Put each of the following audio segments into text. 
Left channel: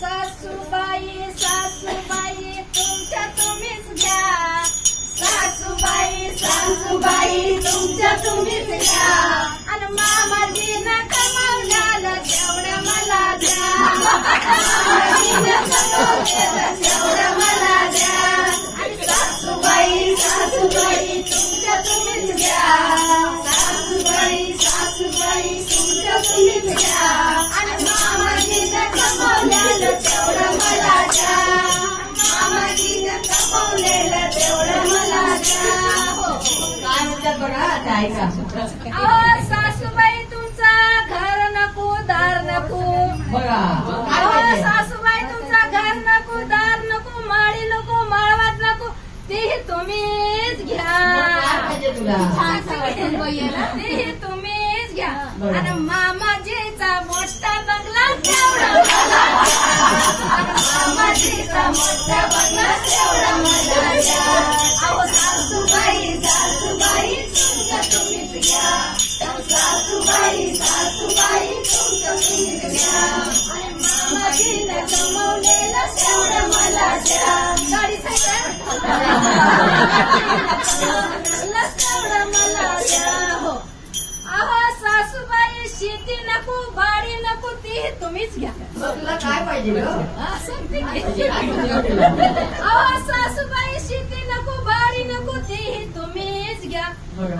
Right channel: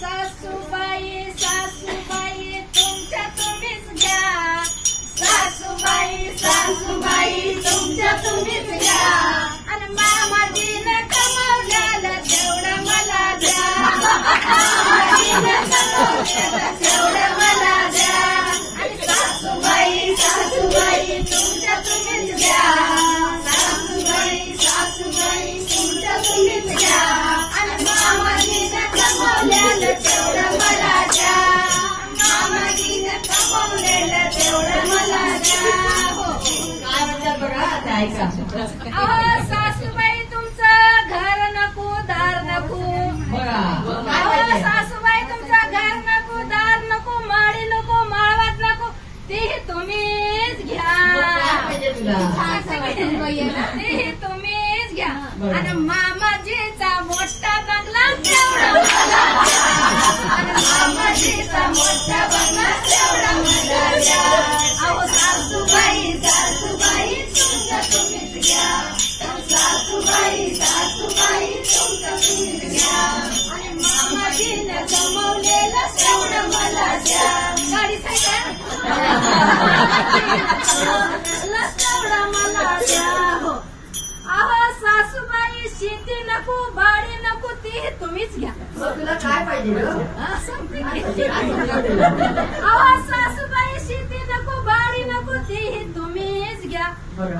सासूबाई सासूबाई तुमच्या तुम्हीच घ्या. सासूबाई सासूबाई तुमच्या तुम्हीच घ्या. आणि मामाजीनं नका ऐका सासूबाई तुमचं घर नको दार नको. सासूबाई तुमचं घर नको दार नको माळी नको माळवात नको. तेही तुम्हीच घ्या. तेही तुम्हीच घ्या. आणि मामाजीचा हो अहो सासूबाई शेती नको बाडी नको ती तुम्हीच घ्या तुला काय पाहिजे? अहो सासूबाई शेती नको बाडी नको ती तुम्हीच घ्या.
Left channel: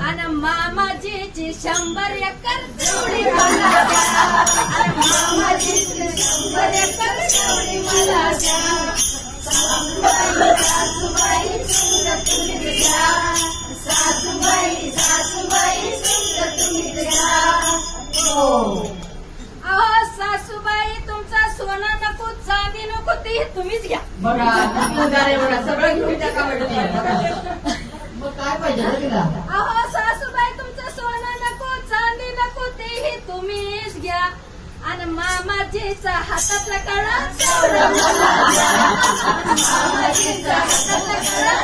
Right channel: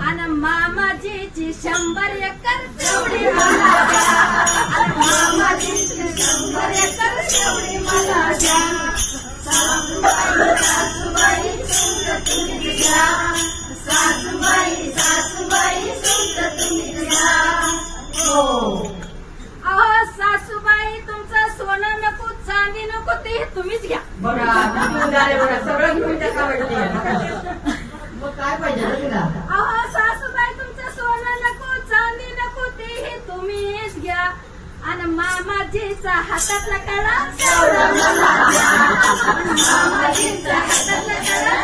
आणि मामाजीची शंभर एकर आणि मामाजीची शंभर एकर तेवढी मला द्या चांदी नको ते तुम्हीच घ्या. बघा तुम्ही झाले बघा सगळं घेऊन टाका मग काय पाहिजे तुला? अहो सासूबाई तुमचं सोनं नको चांदी नको तेही तुम्हीच घ्या. आणि मामाजीचा हातातला कळा मामाजीचा हातातला कळा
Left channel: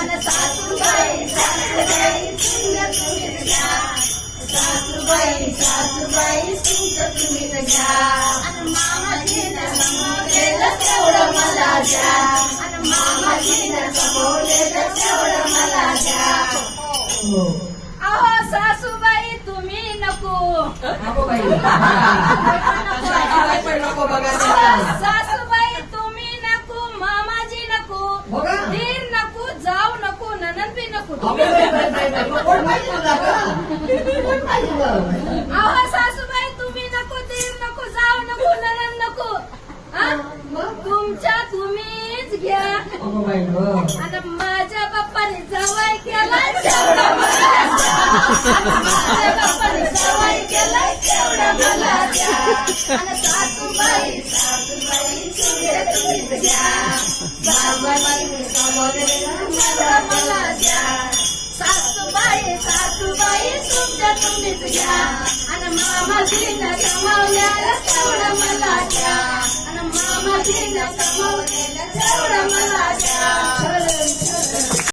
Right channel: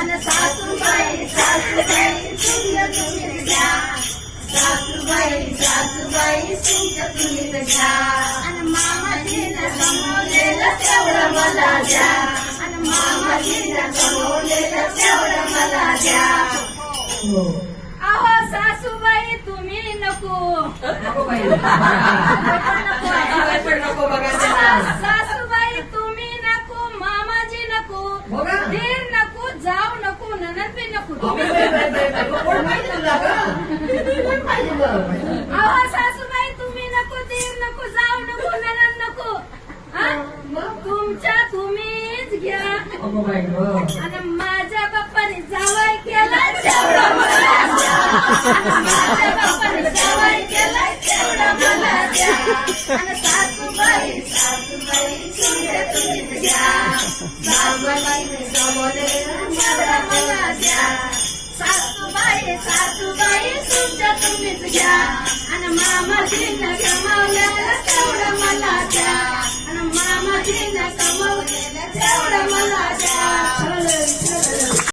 आणि सासूबाई सासूबाई तुम्हीच घ्या. सासूबाई सासूबाई तुमचं आणि मामाजीनं तेवढं मला द्या आणि मामाजीनं तेवढं मला द्या अहो सासूबाई तुम्ही नको नको सासूबाई तुम्ही नको मामाजी नको बघा. दीर नको जाऊ नको ननद बी नको अहो सासूबाई तुम्ही नको ते नको जाऊ नको नरण नको. हा? तुमच्या तुम्हीच घ्या. आणि माझ्या बाप्पाने जावाय केला सासूबाई सासूबाई सासूबाई तुमच्या तुम्हीच घ्या आणि मामाजीनं कमवलेलं तेवढं मला द्या आणि मामाजीनं कमवलेलं तेवढं मला द्या